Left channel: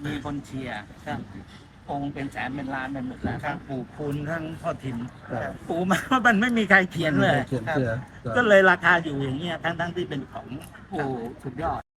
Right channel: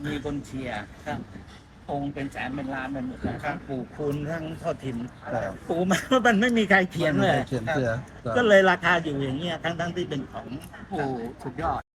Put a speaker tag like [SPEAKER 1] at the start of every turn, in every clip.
[SPEAKER 1] มีคนเชียร์องค์เป็นแสนเป็นล้านเป็นหมื่นทั้งปู่คุณทั้งพ่อถิ่นปู่มามันไม่มีใครเขียนเลยก็เลยราคาอยู่อย่างเงี้ยทั้งที่เป็นของปู่สุดยอด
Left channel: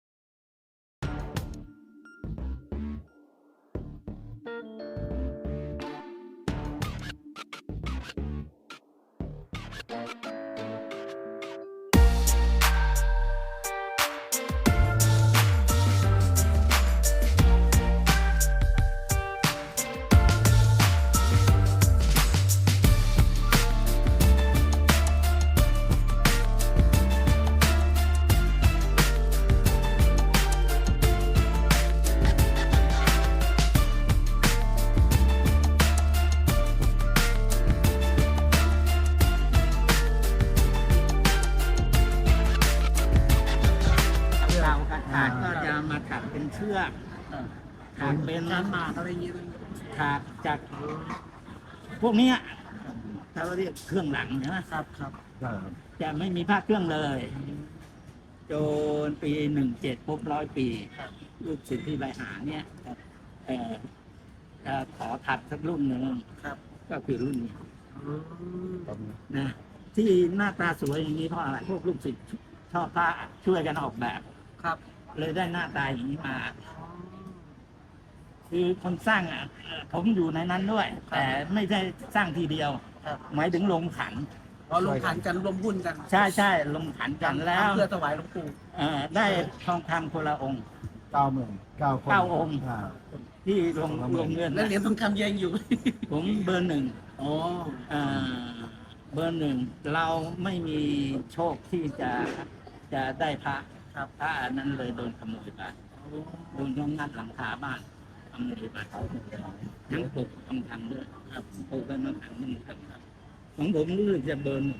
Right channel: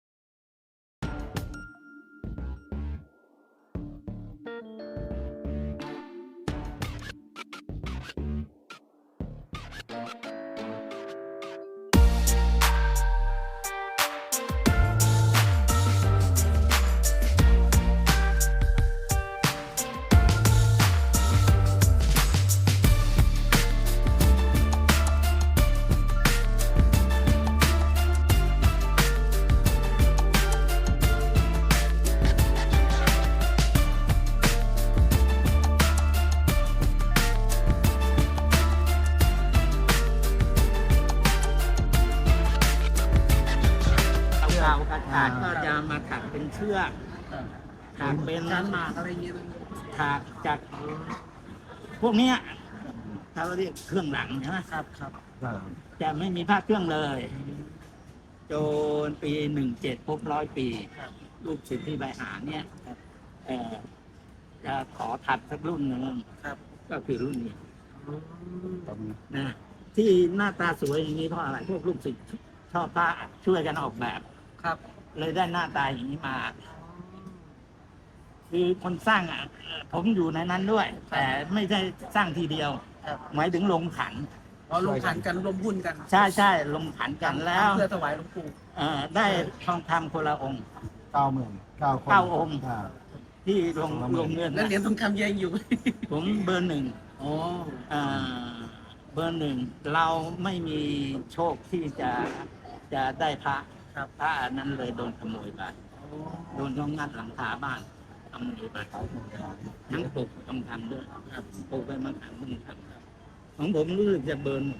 [SPEAKER 1] ขาดก็จะมาถักเป็นเชือกถักเป็นล้านมาอะไรอย่างนี้ถักจากพวกนี้เราเรียกเครื่องหลังใช่ไหมครับจะไม่มีผ้าเครื่องเลยจนปี17ครบ100 ปีลูกศิษย์ที่ใบหาเนี่ยจะขอถัดสักรุ่นหนึ่งก็คือรุ่นนี้นะที่หน้าตาสวยอย่างนี้เพราะอะไรพวกลูกศิษย์ชอบผ้าช่วยกันออกแบบเลยได้หน้าตาอย่างนี้มาคือคนสร้างผมอยู่ในนั้นด้วยแต่ไม่ใช่สร้างทีเดียวหมายถึงลงขัน
[SPEAKER 2] ลงขันกันลงหุ้นกัน
[SPEAKER 1] ใช่ลงขันกันแล้ว
[SPEAKER 2] เพื่อถวายหลวงปู่
[SPEAKER 1] ได้ทองคำคนละองค์9 องค์ที่ลงเงิน
[SPEAKER 2] แล้วเหรียญทองคำยังอยู่
[SPEAKER 1] ผมเบอร์ 1เบอร์ 1เราไม่มีโชคที่จะได้พระนั้นเลยโดนขโมยไปโดนงัดหลังคาบ้านขโมยไปทั้งปลุกทองคำด้วยปลุกไปมาขังมึงครับของผมรู้สึกจะเบอร์ 1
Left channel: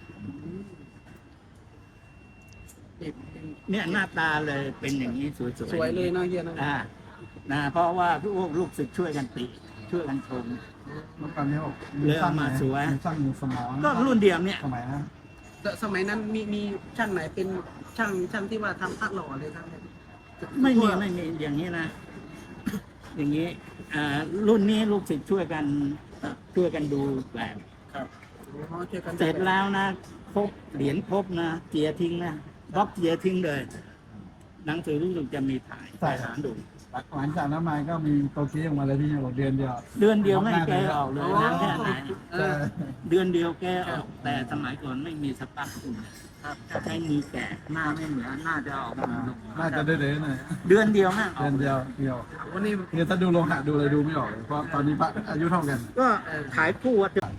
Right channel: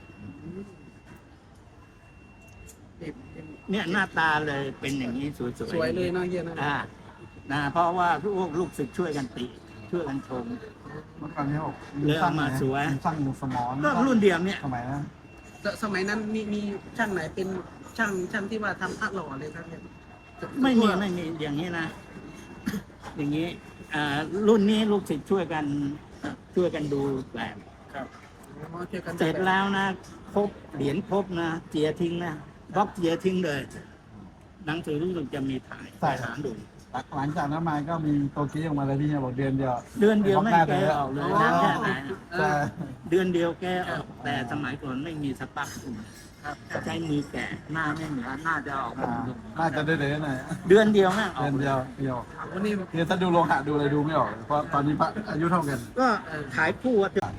[SPEAKER 1] เนี่ยหน้าตาเลยเป็นอย่างนี้สวย
[SPEAKER 2] เลยเนาะเยอะ
[SPEAKER 1] นะเพราะว่าพวกลูกศิษย์ช่วยกันติช่วยกันชมเลยออกมาสวยก็รุ่นเดียวเนี่ย
[SPEAKER 2] สมัยนั้นมีช่างไหนเป็นช่างที่ว่าทำพระหล่อเลยท่าน
[SPEAKER 1] ไม่มีอย่างนี้นะอย่างนี้รุ่นนี้ลูกศิษย์ช่วยกันดูแบบเสร็จแล้วนะครบเหรียญครบนะเจียทิ้งนะบล็อกเจียทิ้งเลยหนังสือรู้สึกจะมีถ่ายไปหาดู
[SPEAKER 3] หลังจากนั้นมาก็มีโตเกียวออกมาเลยพี่เนี่ยบอกเดือนเดียว
[SPEAKER 1] ไม่แกออกเลยแค่ไหนเดือนเดียวแกออกแต่สมัยก่อนไม่มีสปักอุ่นใช้มือแกะหน้าไม่เหมือนน่าจะออกมา
[SPEAKER 3] น่าจะได้เลยหน่อย
[SPEAKER 1] เดือนเดียวแม่ออกเลย
[SPEAKER 3] วันนี้คือถ้าดูโลหะดูเลยดูไม่ออกเพราะตอนนี้อายุเท่ากัน
[SPEAKER 1] ก็ขายคู่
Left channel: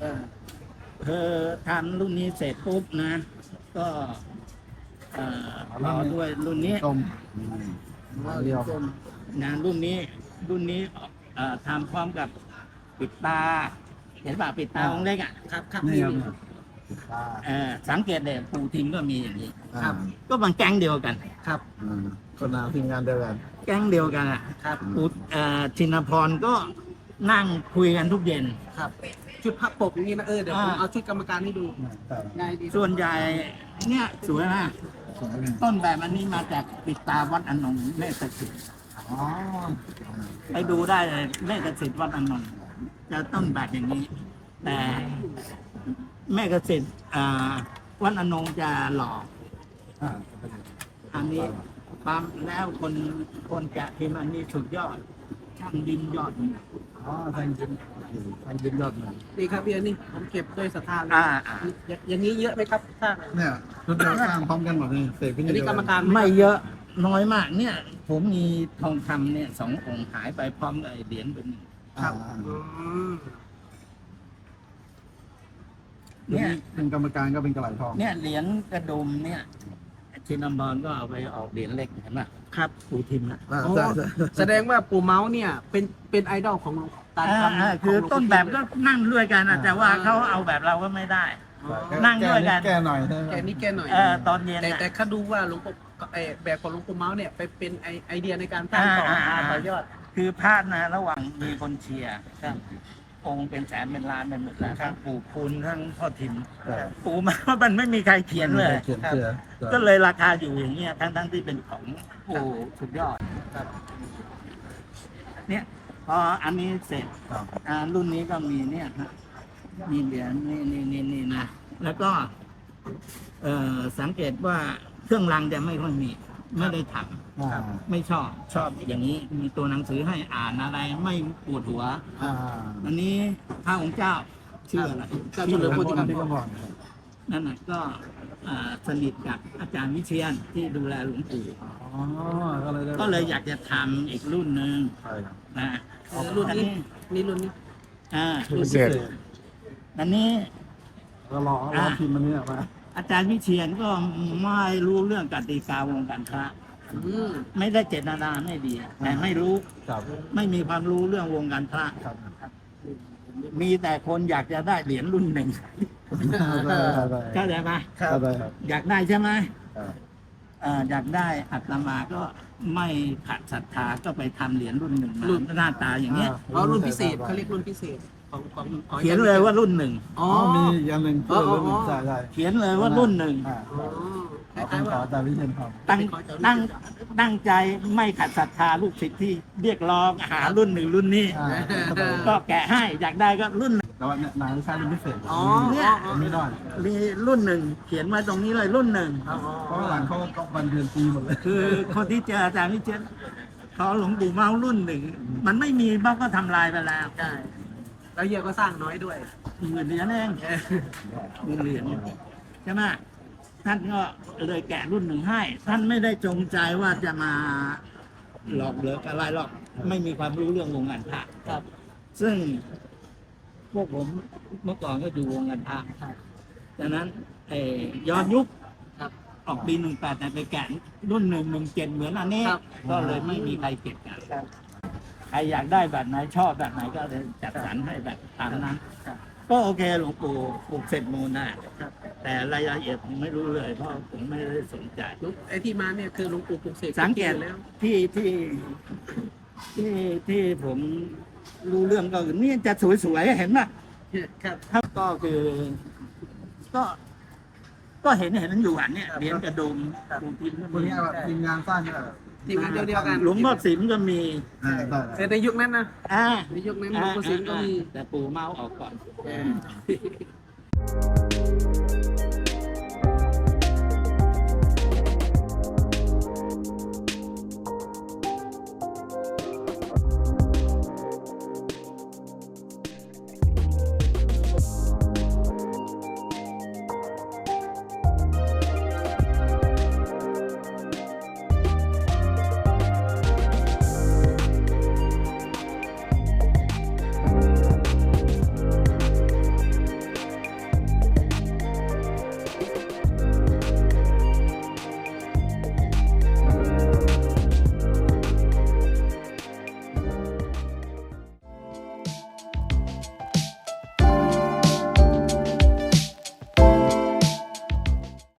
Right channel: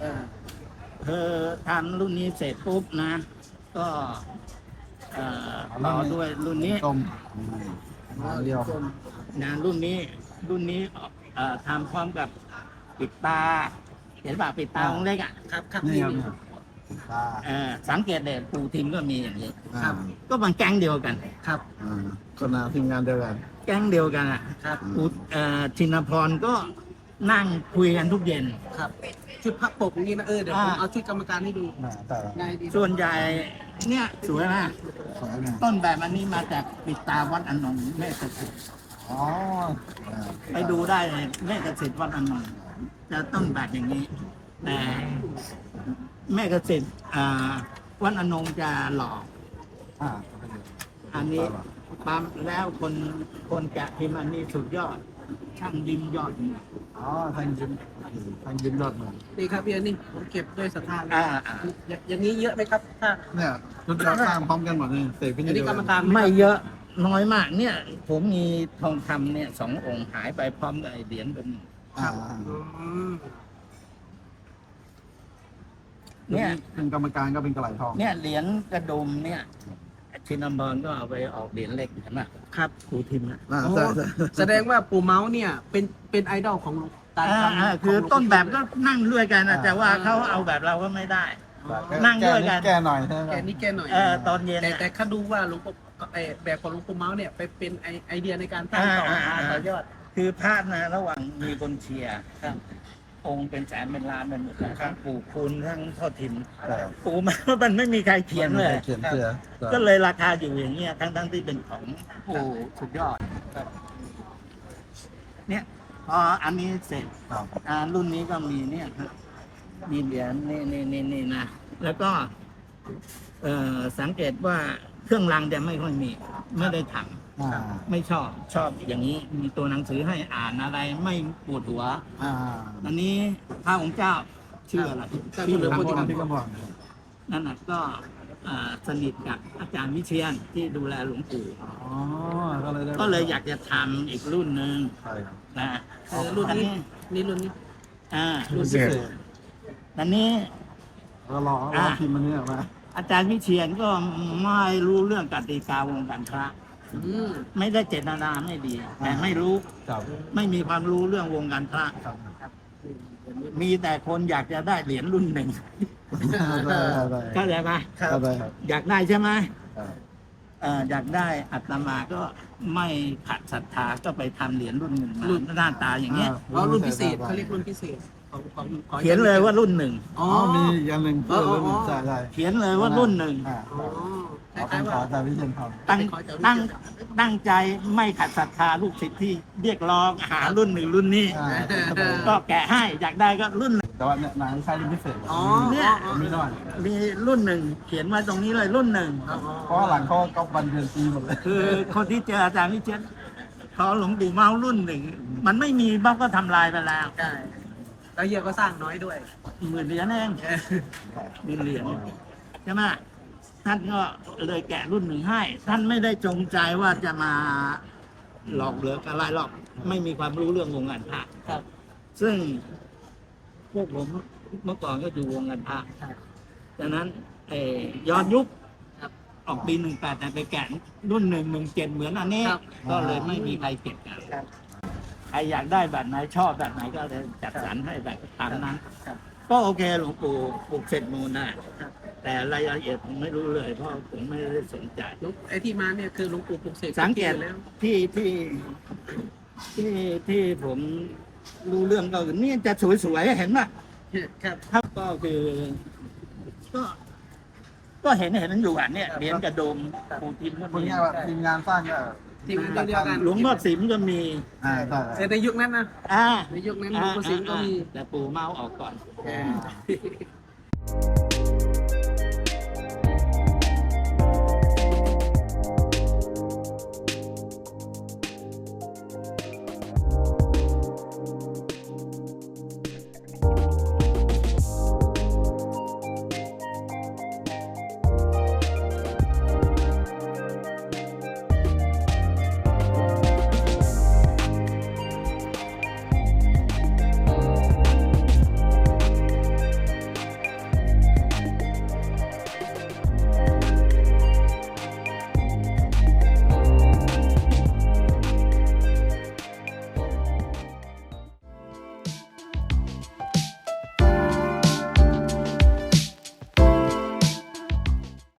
[SPEAKER 1] ทำรุ่นนี้เสร็จปุ๊บนะก็รอด้วยรุ่นนี้นะรุ่นนี้ทำพร้อมกับปิดตาเห็นป่ะปิดตาองค์เล็ก
[SPEAKER 2] ครับ
[SPEAKER 1] สังเกตเนี่ยปูทิมก็มีอย่างนี้ก็มันแก๊งเดียวกัน
[SPEAKER 3] คนละทีมงานเดียวกัน
[SPEAKER 1] แก๊งเดียวกันปูชินพรก็นั่งคุยกันทุกเย็น
[SPEAKER 2] ชุดพักปกอย่างนี้นะเดี๋ยวผมเอาชุดกรรมการให้ดู
[SPEAKER 1] ง่ายดีส่วนใหญ่เนี่ยสวยมากต้นแบบอันนี้มาจากปิดตาวัดอนงค์แม่กสิทธิ์ไปดูได้เลยแม่กสิทธิ์วัดอนงค์จะต้นแบบอย่างนี้แต่แม่กสิทธิ์วัดอนงค์จะหล่ออันนี้ความแล้วคนแกะพิมพ์อันนี้สุดยอดช่างดินยอด
[SPEAKER 3] ทางยินยอดเลย
[SPEAKER 2] นี่ครับพี่นี่ผมเก็บด้วยศรัทธาอย่างนี้เยอะไหมครับ
[SPEAKER 3] เนี่ยคุณเราสร้างพร้อมกันหมดเลย
[SPEAKER 2] อันนี้กรรมการ
[SPEAKER 1] ไม่เยอะน้อยมากเนี่ยผมมีทองคำเนี่ย2 องค์หายไปพร้อมกับเหรียญเป็น
[SPEAKER 3] เนี่ยเป็นกรรมการก็เป็นกระไหลทอง
[SPEAKER 1] เนี่ยเหรียญกระดุมเนี่ยชินบอลก็เอาไปออกเหรียญเล็กเห็นไหมครับปูทิมนะ
[SPEAKER 2] แสดงว่าปู่เมาส์เนี่ยเป็นไอดอลของ
[SPEAKER 1] คือต้นแบบก็นั่งด้วยกันแต่ว่าเขาเอาแบบเราก็ไม่ได้นั่งด้วยกัน
[SPEAKER 3] แกหน่อย
[SPEAKER 2] แกหน่อย
[SPEAKER 1] ตอนเย็น
[SPEAKER 2] แต่เขาดูว่าหลวงปู่แบบของหลวงปู่เมาส์เนี่ยไปเป็นไอเดียในการสร้างต่อยอด
[SPEAKER 1] คือพลาดนะระหว่างมีคนเชียร์องค์เป็นแสนเป็นล้านเป็นหมื่นทั้งปู่คุณทั้งพ่อถิ่นปู่มามันไม่มีใครเขียนเลยก็เลยราคาอยู่อย่างเงี้ยทั้งที่เป็นของปู่สุดยอดเนี่ยพออันนี้เสร็จรุ่นนี้ก็มีเนี่ยฮะมีเหรียญนี่นะแล้วก็สังเกตว่าเครื่องรางจะไม่ค่อยมีไม่ได้ทำไม่ชอบอย่างนี้มีตัวหนังสือให้อ่านอะไรไม่ปวดหัวอันนี้พระองค์เจ้าชื่ออะไร
[SPEAKER 2] ก็เฉลิมพระเกียรติ
[SPEAKER 1] นั่นน่ะก็สนิทกับอาจารย์วิเชียนที่ดูแลหลวงปู่ก็เลยอยากจะทำอีกรุ่นหนึ่งนะ
[SPEAKER 2] รุ่นนี้นี่รุ่นนี้
[SPEAKER 1] รุ่นที่สี่อันนี้อาจารย์วิเชียนก็ไม่รู้เรื่องกติกาวงการพระไม่ได้เจตนาไม่ดีแต่ไม่รู้ไม่มีความรู้เรื่องวงการพระมีแต่คนอยากจะได้เหรียญรุ่นหนึ่งเข้าใจไหมอยากได้ใช่ไหมอยากได้อาตมาก็ไม่ขัดศรัทธาก็ไปทำเหรียญรุ่นหนึ่งมาหน้าตาอย่างเงี้ย
[SPEAKER 2] รุ่นพิเศษเขาเรียกรุ่นพิเศษของ
[SPEAKER 1] เขียนเลยว่ารุ่นหนึ่ง
[SPEAKER 2] อ๋อ
[SPEAKER 3] มียันหนึ่งใช่
[SPEAKER 1] เขียนเลยว่ารุ่นหนึ่ง
[SPEAKER 2] คล้ายๆว่า
[SPEAKER 3] แต่วิเชียนท
[SPEAKER 1] ตั้งใจไม่ขัดศรัทธาลูกศิษย์ที่เรียกร้องหารุ่นหนึ่งรุ่นนี้ ก็แกะให้อยากได้ก็รุ่น
[SPEAKER 3] แต่ว่าเนี่ยนายใช้รุ่นพิเศษ
[SPEAKER 1] เนี่ย
[SPEAKER 3] ไม่ได้
[SPEAKER 1] มีรุ่นหนึ่งเขียนไว้ตรงนี้เลยรุ่นหนึ่ง
[SPEAKER 3] เพราะหลังเขาวันเดือนปีหมดเลย
[SPEAKER 1] คือคนที่เจออาจารย์วิเชียรเขาหลวงปู่เมารุ่นหนึ่งมันไม่มีบ้างก็ทำลายไปแล้ว
[SPEAKER 2] ใช่แล้วเฮียก็สร้างน้อยด้วย
[SPEAKER 1] 10,000 เหรียญเอง10,000 เหรียญใช่ไหมท่านก็เลยแกะรุ่นหนึ่งให้ ท่านไม่ได้จงใจว่าจะมาหลอกเหลืออะไรหรอกไม่มีความรู้เรื่องวงการพระ
[SPEAKER 2] ครับ
[SPEAKER 1] ซึ่งพวกผมเมื่อก่อนก็อยู่วงการพระดังนั้นย้อนยุค
[SPEAKER 2] ครับ
[SPEAKER 1] ออกปี18แต่ไปแกะรุ่น117เหมือนอันนี้
[SPEAKER 2] ครับ
[SPEAKER 1] ก็เลยไม่มีใครเก็บกันใครอยากได้แบบไหนชอบแบบไหนก็เลยจัดสรรให้แบบตามนั้น ก็โอเคหลวงปู่ปลูกเสร็จมูลนะแต่รายละเอียดผมไม่รู้เลยเพราะผมไม่ได้สนใจ
[SPEAKER 2] ไอ้ที่มาเนี่ยคือหลวงปู่ปลุกเสก
[SPEAKER 1] สังเกต
[SPEAKER 2] แล้ว
[SPEAKER 1] ที่ผมรู้เรื่องก็คือนี่จะสวยๆเห็นไหม
[SPEAKER 2] ครับ
[SPEAKER 1] ครับก็คือ ก็เห็นอยู่อ่ะเนี่ยเหรียญกระดมปูทินก็
[SPEAKER 3] คน
[SPEAKER 1] มี
[SPEAKER 3] นี้ทีมงานสร้างเนี่ย
[SPEAKER 2] ทีมงานเดียวกัน
[SPEAKER 1] หลวงพ่อสิมก็มี
[SPEAKER 3] ใช่
[SPEAKER 2] ในยุคนั้นนะ
[SPEAKER 1] อ่า
[SPEAKER 2] ในยุคนั้นหลวงปู่สิงห์ก็มี
[SPEAKER 1] แต่ปู่เมาออกก่อน
[SPEAKER 2] อ่า